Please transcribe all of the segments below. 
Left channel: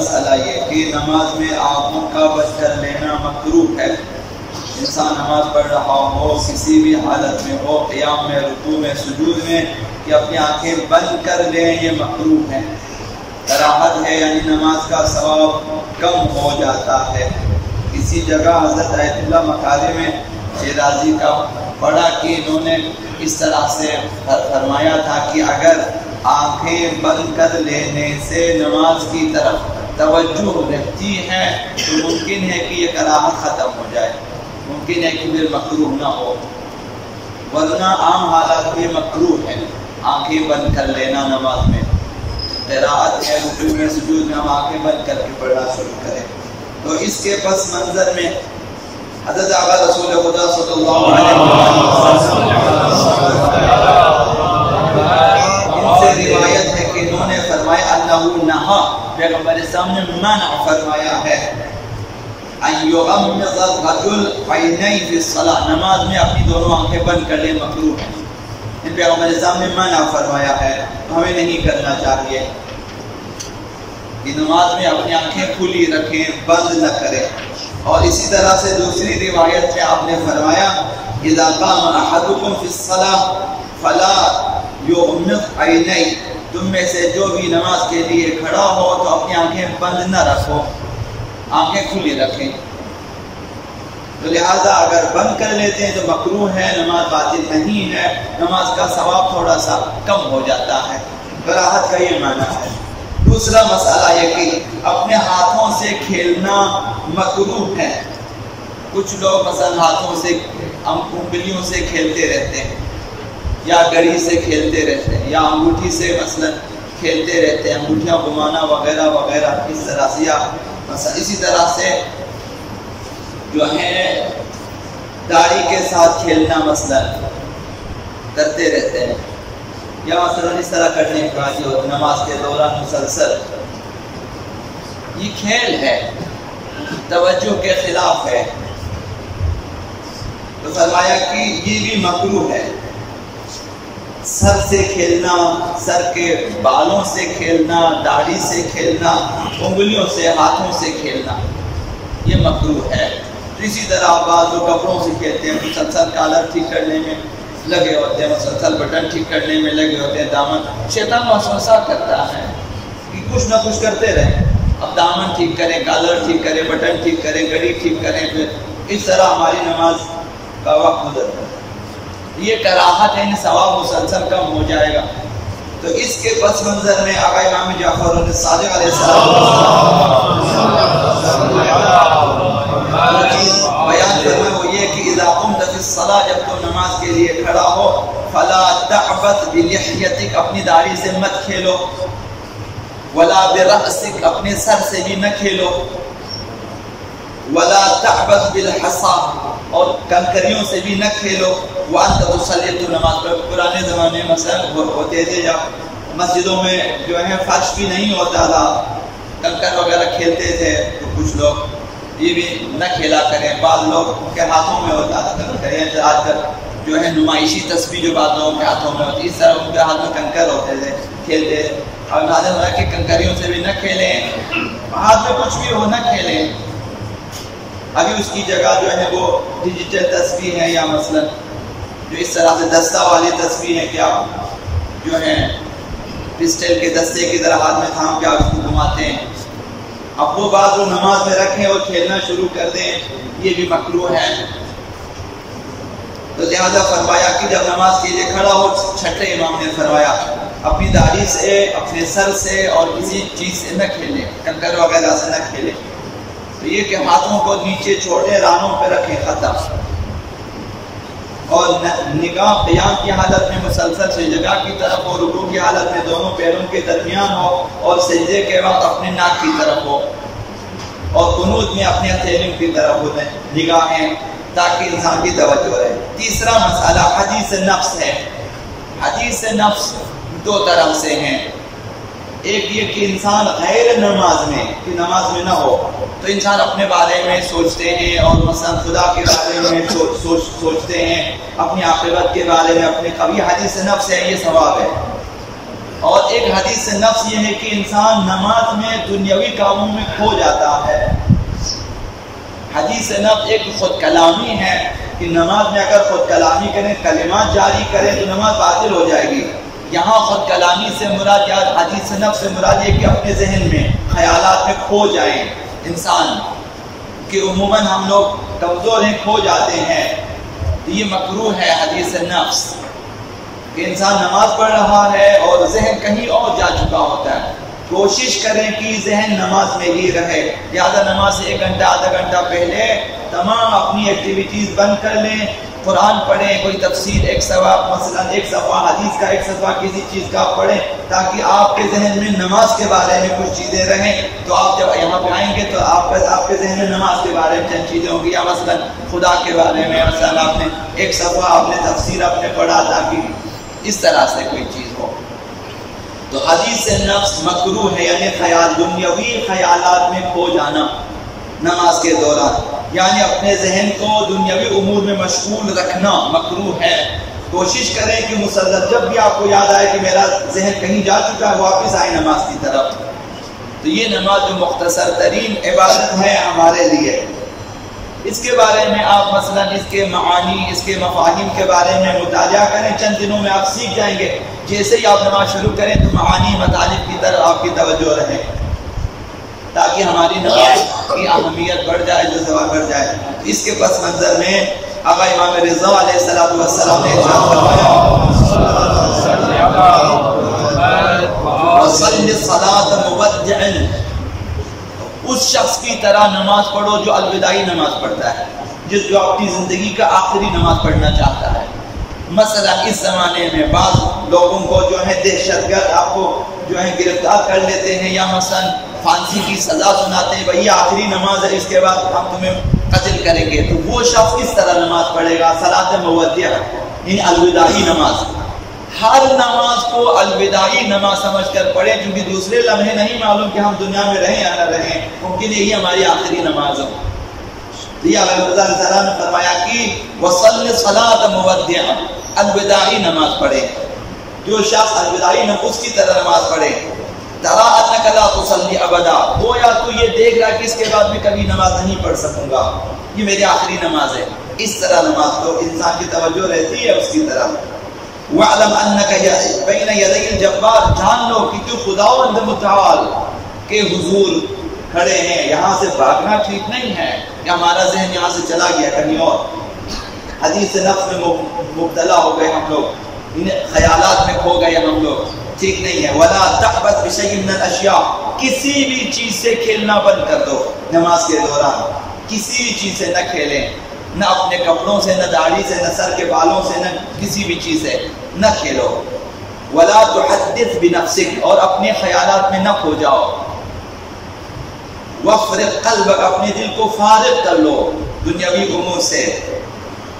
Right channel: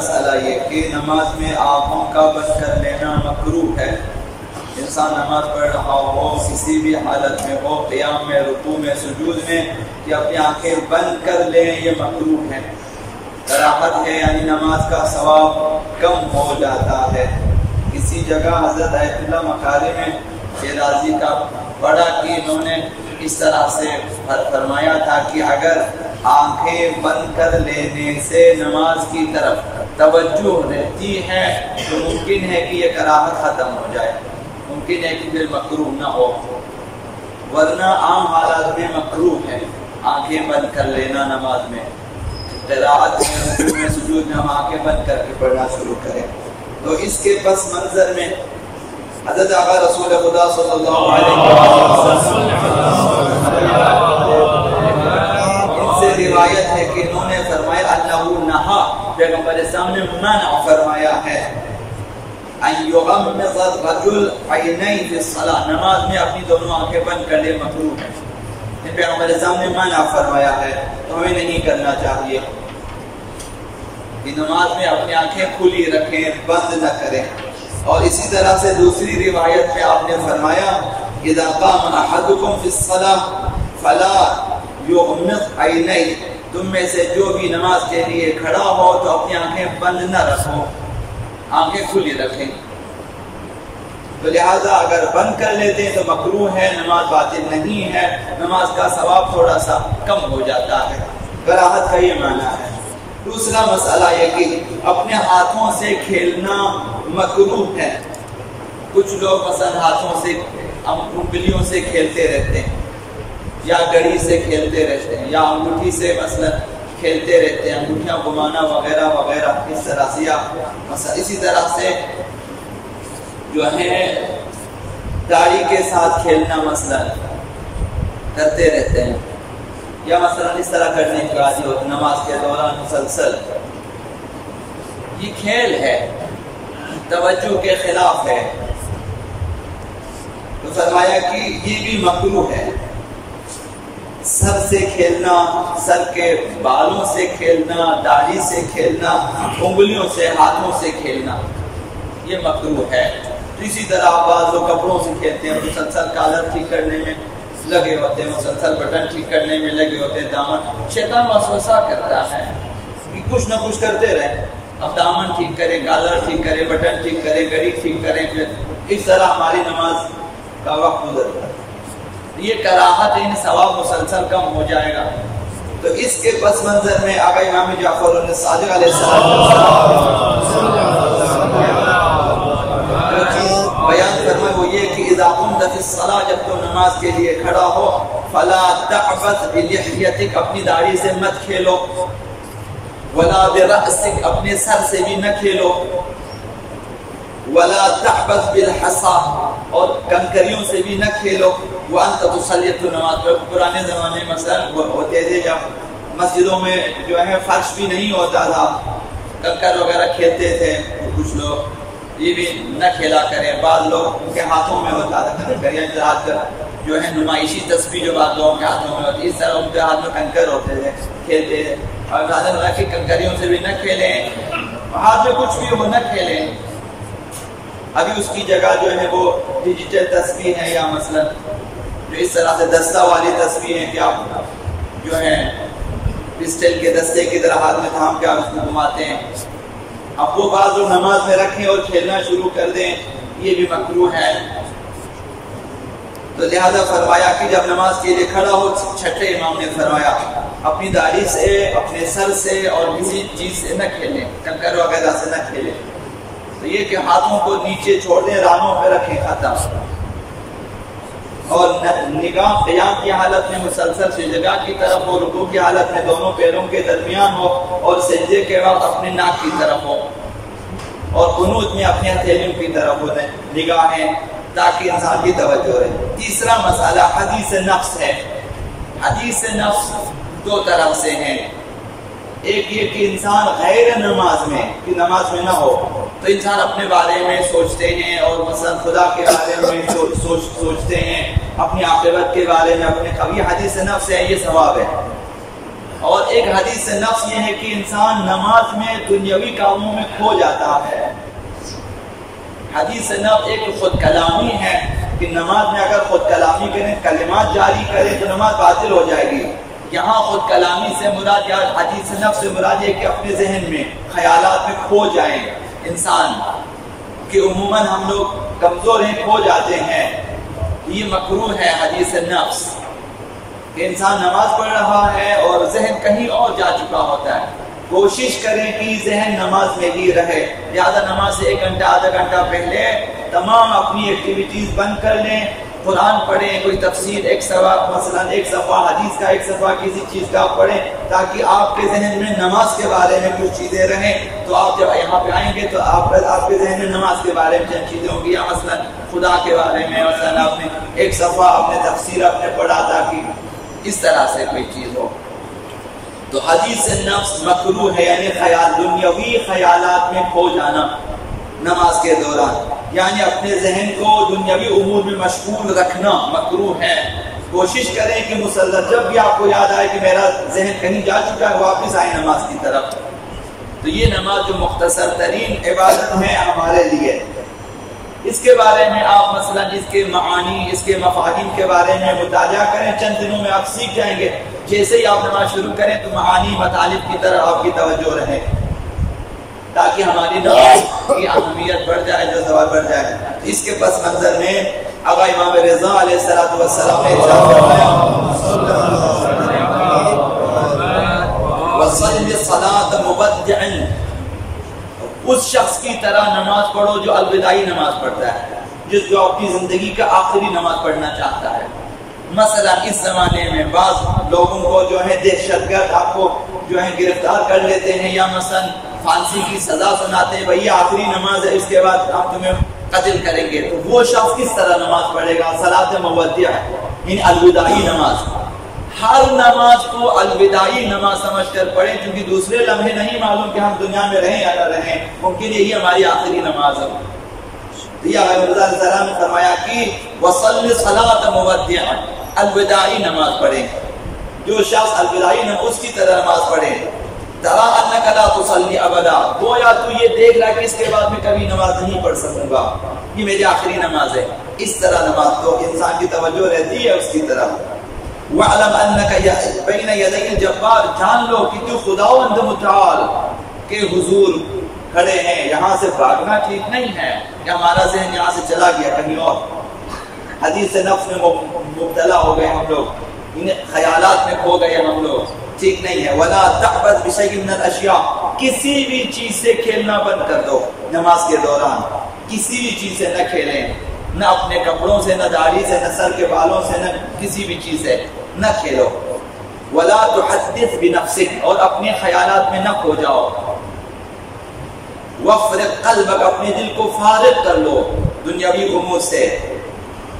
مسئلہ یہ کہ نماز میں آنکھوں کا بند کر لینا مکروہ ہے۔ انسان نماز پڑھ رہا ہو، کسی بھی حالت میں ہو، قیام میں، رکوع میں، سجود میں، کہ اپنی آنکھیں بند کر لیں، یہ مکروہ ہے، کراہت ہے، یعنی نماز کا ثواب کم ہو جاتا ہے۔ کسی جگہ حضرت آیت اللہ مکاری میں شیرازی کا پڑھا کہ انہوں نے اس طرح سے فرمایا تھا کہ اگر آنکھیں بند کر لینے سے نماز کی طرف توجہ رہتی ہے تو ممکن ہے کہ یہ کراہت ختم ہو جائے، ممکن ہے کہ پھر مکروہ نہ ہو، ورنہ عام حالات میں مکروہ ہے آنکھیں بند کر لینا نماز میں۔ قراءت میں، رکوع میں، سجود میں ہم آنکھیں بند کر کے پڑھنا شروع کریں تو اس کے پس منظر میں حضرت آقا رسول خدا صلی اللہ علیہ وسلم ان سے روایت ہے کہ انہوں نے فرمایا انہو نہا، پیغمبر اسلام نے منع فرمایا ہے ان یغمض الرجل عینیہ فی الصلاۃ، نماز میں اپنی دونوں آنکھیں بند کر لے، مکروہ ہے۔ ان پیغمبر اسلام نے منع فرمایا ہے تو ہمیں نہیں کرنا چاہیے کہ نماز میں اپنی آنکھیں کھلی رکھیں، بند نہ کریں۔ اور اسی طرح سے دوسری روایت میں آپ نے فرمایا اذا قام احدکم فی الصلاۃ فلا یغمض عینیہ، تم میں سے جو بھی نماز کے لیے کھڑا ہو تو اپنی آنکھیں بند نہ رکھو، آنکھیں کھلی رکھیں۔ تو لہٰذا اگر بند کر لیتے ہیں تو مکروہ ہے، نماز باطل نہیں ہے، نماز کا ثواب تھوڑا سا کم ہو جاتا ہے، کراہت کا یہ معنی ہے۔ دوسرا مسئلہ یہ کہ اپنے ہاتھوں سے کھیلنا مکروہ ہے۔ کچھ لوگ مثلا ہاتھوں سے، انگلیوں سے کھیلتے رہتے ہیں، یا گڑی سے کھیلتے رہتے ہیں، یا انگوٹھی سے مثلا کھیلتے رہتے ہیں، انگوٹھیاں گھمانا وغیرہ وغیرہ، اس طرح سے، یا مثلا اسی طرح سے جو ہے داڑھی کے ساتھ کھیلنا مثلا کرتے رہتے ہیں، یا مثلا اس طرح کرنے کا عادی ہوتا ہے نماز کے دوران مسلسل، یہ کھیل ہے، توجہ کے خلاف ہے، تو فرمایا کہ یہ بھی مکروہ ہے۔ سر سے کھیلنا، سر کے بالوں سے کھیلنا، داڑھی سے کھیلنا، انگلیوں سے، ہاتھوں سے کھیلنا، یہ مکروہ ہے۔ تو اسی طرح بعض لوگ کپڑوں سے کھیلتے ہیں، مسلسل کالر ٹھیک کرنے میں لگے ہوتے ہیں، مسلسل بٹن ٹھیک کرنے میں لگے ہوتے ہیں، دامن، شیطان وسوسہ کرتا ہے کہ کچھ نہ کچھ کرتے رہیں، اب دامن ٹھیک کریں، کالر ٹھیک کریں، بٹن ٹھیک کریں، گھڑی ٹھیک کریں، پھر اس طرح ہماری نماز کا وقت گزرتا ہے، یہ کراہت ہے، ثواب مسلسل کم ہو جائے گا۔ تو اس کے پس منظر میں آقا امام جعفر صادق علیہ السلام جو چیز بیان فرمائے وہ یہ کہ اذا قمت فی الصلاۃ، جب تو نماز کے لیے کھڑا ہو، فلا تعبث بلحیتک، اپنی داڑھی سے مت کھیلو، ولا برأسک، اپنے سر سے بھی نہ کھیلو، ولا تعبث بالحصا، اور کنکریوں سے بھی نہ کھیلو، وانت تصلی، تو نماز پڑھ۔ پرانے زمانے میں مثلا ہوتے تھے جب مسجدوں میں جو ہے فرش بھی نہیں ہوتا تھا، کنکر وغیرہ کھیلتے تھے کچھ لوگ، یہ بھی نہ کھیلا کریں۔ بعض لوگ کے ہاتھوں میں ہوتا تھا کنکر، آج کل جو ہے نمائشی تسبیح جو بعض لوگوں کے ہاتھوں میں ہوتی ہے، اس طرح ان کے ہاتھ میں کنکر ہوتے تھے، کھیلتے تھے۔ اور حاضر ہو رہا ہے کہ کنکریوں سے بھی نہ کھیلیں، ہاتھ میں کچھ بھی ہو نہ کھیلیں۔ ابھی اس کی جگہ جو ہے وہ ڈیجیٹل تسبیح ہے، یا مثلا جو اس طرح سے دستہ والی تسبیح ہے کہ آپ جو ہے پسٹل کے دستے کی طرح ہاتھ میں تھام کے آپ اس کو گھماتے ہیں، اب وہ بعض لوگ نماز میں رکھیں اور کھیلنا شروع کر دیں، یہ بھی مکروہ ہے۔ تو لہذا فرمایا کہ جب نماز کے لیے کھڑا ہو، چھٹے امام نے فرمایا اپنی داڑھی سے، اپنے سر سے اور کسی چیز سے نہ کھیلیں، کنکر وغیرہ سے نہ کھیلیں۔ تو یہ کہ ہاتھوں کو نیچے چھوڑ دیں، رانوں پہ رکھیں، ختم۔ اور نگاہ قیام کی حالت میں مسلسل سجدہ کی طرف ہو، رکوع کی حالت میں دونوں پیروں کے درمیان ہو، اور سجدے کے وقت اپنے ناک کی طرف ہو، اور قنوت میں اپنے ہتھیلیوں کی طرف ہو نگاہیں، تاکہ انسان کی توجہ رہے۔ تیسرا مسئلہ حدیث نفس ہے۔ حدیث نفس دو طرح سے ہیں، ایک یہ کہ انسان غیر نماز میں، کہ نماز میں نہ ہو تو انسان اپنے بارے میں سوچتے ہیں، اور مثلا خدا کے بارے میں سوچتے ہیں، اپنی عاقبت کے بارے میں، اپنے کبھی حدیث نفس ہے، یہ ثواب ہے۔ اور ایک حدیث نفس یہ ہے کہ انسان نماز میں دنیاوی کاموں میں کھو جاتا ہے۔ حدیث نفس ایک خود کلامی ہے کہ نماز میں اگر خود کلامی کریں، کلمات جاری کریں تو نماز باطل ہو جائے گی۔ یہاں خود کلامی سے مراد یا حدیث نفس سے مراد یہ کہ اپنے ذہن میں خیالات میں کھو جائیں انسان، کہ عموماً ہم لوگ کمزور ہیں، کھو جاتے ہیں، تو یہ مکروہ ہے حدیث نفس، کہ انسان نماز پڑھ رہا ہے اور ذہن کہیں اور جا چکا ہوتا ہے۔ کوشش کریں کہ ذہن نماز میں ہی رہے، لہٰذا نماز سے 1 گھنٹہ آدھا گھنٹہ پہلے تمام اپنی ایکٹیویٹیز بند کر لیں، قرآن پڑھیں، کوئی تفسیر ایک صفحہ، مثلا 1 صفحہ حدیث کا، 1 صفحہ کسی چیز کا پڑھیں، تاکہ آپ کے ذہن میں نماز کے بارے میں کچھ چیزیں رہیں۔ تو آپ جب یہاں پہ آئیں گے تو آپ کے ذہن میں نماز کے بارے میں چند چیزیں ہوں گی، یا مثلا خدا کے بارے میں، مثلا آپ نے 1 صفحہ آپ نے تفسیر آپ نے پڑھا، تاکہ اس طرح سے کوئی چیز ہو۔ تو حدیث نفس مکروہ ہے، یعنی دنیاوی خیالات میں کھو جانا نماز کے دوران، یعنی اپنے ذہن کو دنیاوی امور میں مشغول رکھنا مکروہ ہے۔ کوشش کریں کہ مسلسل جب بھی آپ کو یاد آئے کہ میرا ذہن کہیں جا چکا ہے، واپس آئیں نماز کی طرف۔ تو یہ نماز جو مختصر ترین عبادت ہے ہمارے لیے، اس کے بارے میں آپ مثلا اس کے معانی، اس کے مفاہیم کے بارے میں مطالعہ کریں، چند دنوں میں آپ سیکھ جائیں گے۔ جیسے ہی آپ نماز شروع کریں تو معانی مطالب کی طرف آپ کی توجہ رہے، تاکہ ہماری نماز کی اہمیت بڑھ جائے، جو ثواب بڑھ جائے۔ اس کے پس منظر میں آقا امام رضا علیہ السلام نے ارشاد فرمایا، وَصَلِّ الصَّلَاةَ مُبَدِّعًا، اس شخص کی طرح نماز پڑھو جو الوداعی نماز پڑھتا ہے، جو اپنی زندگی کا آخری نماز پڑھنا چاہتا ہے۔ مثلا اس زمانے میں بعض لوگوں کو جو ہے دہشت گرد آپ کو جو ہے گرفتار کر لیتے ہیں، یا مثلا پھانسی کی سزا سناتے ہیں، بھئی آخری نماز ہے، اس کے بعد ہم تمہیں قتل کریں گے، تو وہ شخص کس طرح نماز پڑھے گا؟ صلاۃ مودع، یعنی الوداعی نماز۔ ہر نماز کو الوداعی نماز سمجھ کر پڑھیں، چونکہ دوسرے لمحے نہیں معلوم کہ ہم دنیا میں رہیں یا نہ رہیں، ممکن یہی ہماری آخری نماز ہو۔ تو یہ آقا رضا علیہ السلام نے فرمایا کہ وَصَلِّ صَلَاةَ مُوَدِّعًا، الوداعی نماز پڑھیں۔ جو شخص الوداعی نماز اس کی طرح نماز پڑھے، تَرَىٰ أَنَّكَ لَا تُصَلِّ أَبَدًا، گویا تو یہ دیکھ رہا کہ اس کے بعد میں کبھی نماز نہیں پڑھ سکوں گا، یہ میری آخری نماز ہے، اس طرح نماز تو انسان کی توجہ رہتی ہے اس کی طرف۔ وَاعْلَمْ أَنَّكَ بَيْنَ يَدَيِ الْجَبَّارِ، جان لو کہ تو خداوند متعال کے حضور کھڑے ہیں، یہاں سے بھاگنا ٹھیک نہیں ہے کہ ہمارا ذہن یہاں سے چلا گیا کہیں اور، حدیث نفس میں مبتلا ہو گئے ہم لوگ، ان خیالات میں کھو گئے ہم لوگ، ٹھیک نہیں ہے۔ وَلَا تَعْبَثْ بِشَيْءٍ مِّنَ الْأَشْيَاءِ، کسی بھی چیز سے کھیلنا بند کر دو نماز کے دوران، کسی بھی چیز سے نہ کھیلیں، نہ اپنے کپڑوں سے، نہ داڑھی سے، نہ سر کے بالوں سے، نہ کسی بھی چیز سے نہ کھیلو۔ وَلَا تُحَدِّثْ بِنَفْسِكَ، اور اپنے خیالات میں نہ کھو جاؤ۔ وَافْرِغْ قَلْبَكَ، اپنے دل کو فارغ کر لو دنیاوی امور سے۔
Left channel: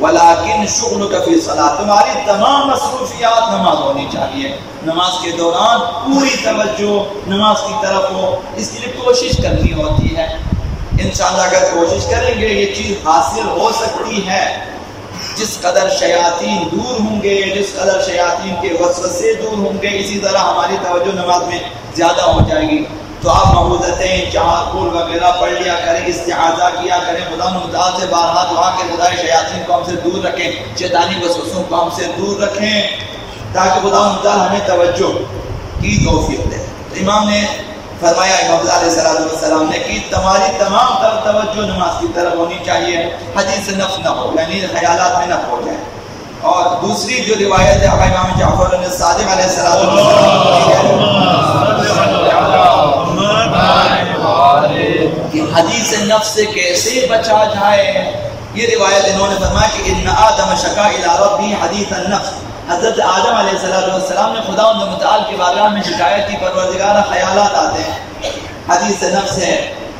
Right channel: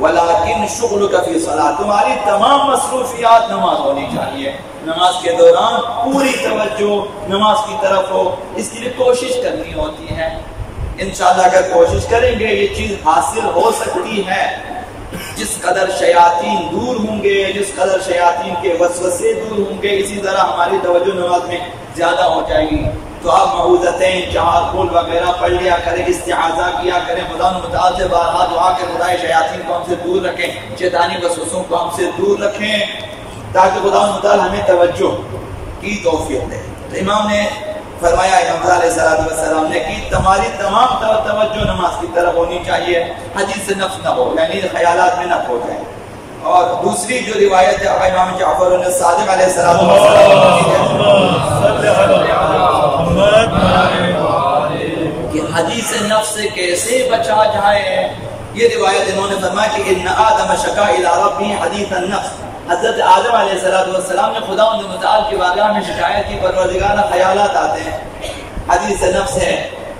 وَلَٰكِنْ شُغْلُكَ فِي الصَّلَاةِ، تمہاری تمام مصروفیات نماز ہونی چاہیے، نماز کے دوران پوری توجہ نماز کی طرف ہو، اس کے لیے کوشش کرنی ہوتی ہے۔ انشاءاللہ اگر کوشش کریں گے یہ چیز حاصل ہو سکتی ہے۔ جس قدر شیاطین دور ہوں گے، جس قدر شیاطین کے وسوسے دور ہوں گے، اسی طرح ہماری توجہ نماز میں زیادہ ہو جائے گی۔ تو آپ معوذتین، 4 قل وغیرہ پڑھ لیا کریں، استعاذہ کیا کریں، خدا متعال سے بارہا دعا کہ خدا شیاطین کو ہم سے دور رکھیں، شیطانی وسوسوں کو ہم سے دور رکھیں، تاکہ خدا متعال ہمیں توجہ کی توفیق دے۔ تو امام نے فرمایا، امام علیہ السلام نے کہ تمہاری تمام توجہ نماز کی طرف ہونی چاہیے، حدیث نفس نہ ہو، یعنی خیالات میں نہ کھو جائیں۔ اور دوسری جو روایت ہے امام جعفر صادق علیہ السلام کہ حدیث نفس سے کیسے بچا جائے، یہ روایت انہوں نے فرمایا کہ ان آدم شکا الی ربہ حدیث النفس، حضرت آدم علیہ السلام نے خدا متعال کی بارگاہ میں شکایت کی، پروردگارہ خیالات آتے ہیں، حدیث نفس ہے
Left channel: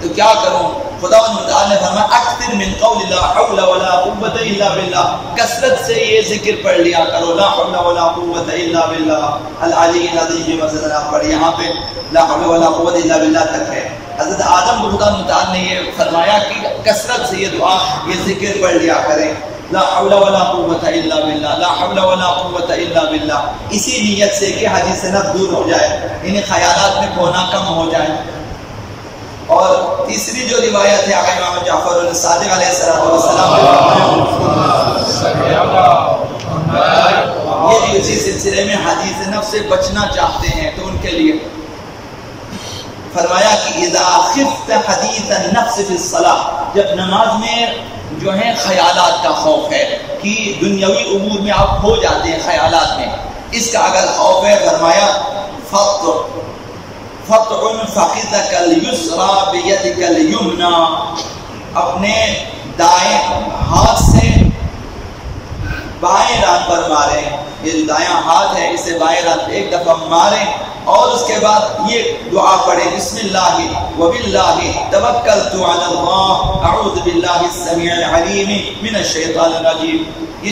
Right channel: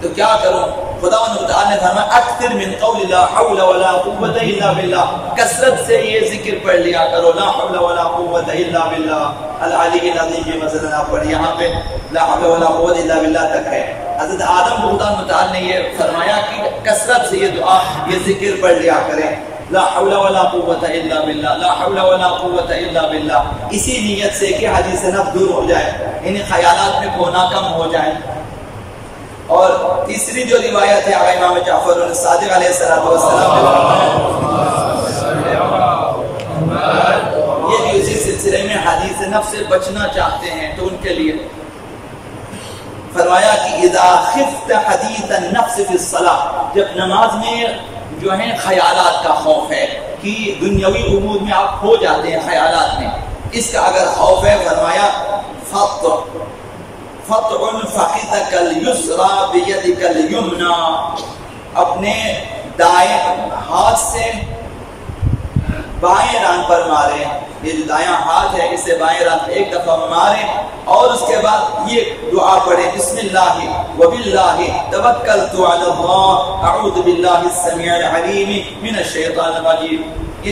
تو کیا کروں؟ خدا متعال نے فرمایا اکثر من قول لا حول ولا قوت الا باللہ، کثرت سے یہ ذکر پڑھ لیا کرو، لا حول ولا قوت الا باللہ العلی العظیم، یہ مثلا آپ پڑھ، یہاں پہ لا حول ولا قوت الا باللہ تک ہے۔ حضرت آدم کو خدا متعال نے یہ فرمایا کہ کثرت سے یہ دعا، یہ ذکر پڑھ لیا کریں۔ لا حول ولا قوت الا باللہ، لا حول ولا قوت الا باللہ، اسی نیت سے کہ حدیث نفس دور ہو جائے، ان خیالات میں کھونا کم ہو جائے۔ اور تیسری جو روایت ہے امام جعفر صادق علیہ السلام یہ بھی اسی سلسلے میں حدیث نفس سے بچنا چاہتے ہیں تو ان کے لیے فرمایا کہ اذا خفت حدیث النفس فی الصلاۃ، جب نماز میں جو ہیں خیالات کا خوف ہے کہ دنیاوی امور میں آپ کھو جاتے ہیں خیالات میں، اس کا اگر خوف ہے فرمایا فَطْعُنْ فَخِذَكَ الْيُسْرَى بِيَدِكَ الْيُمْنَى، اپنے دائیں ہاتھ سے بائیں ران پر ماریں، یہ جو دایاں ہاتھ ہے اسے بائیں ران پر ایک دفعہ ماریں، اور اس کے بعد یہ دعا پڑھیں بسم اللہ وباللہ توکلت علی اللہ اعوذ باللہ السمیع العلیم من الشیطان الرجیم۔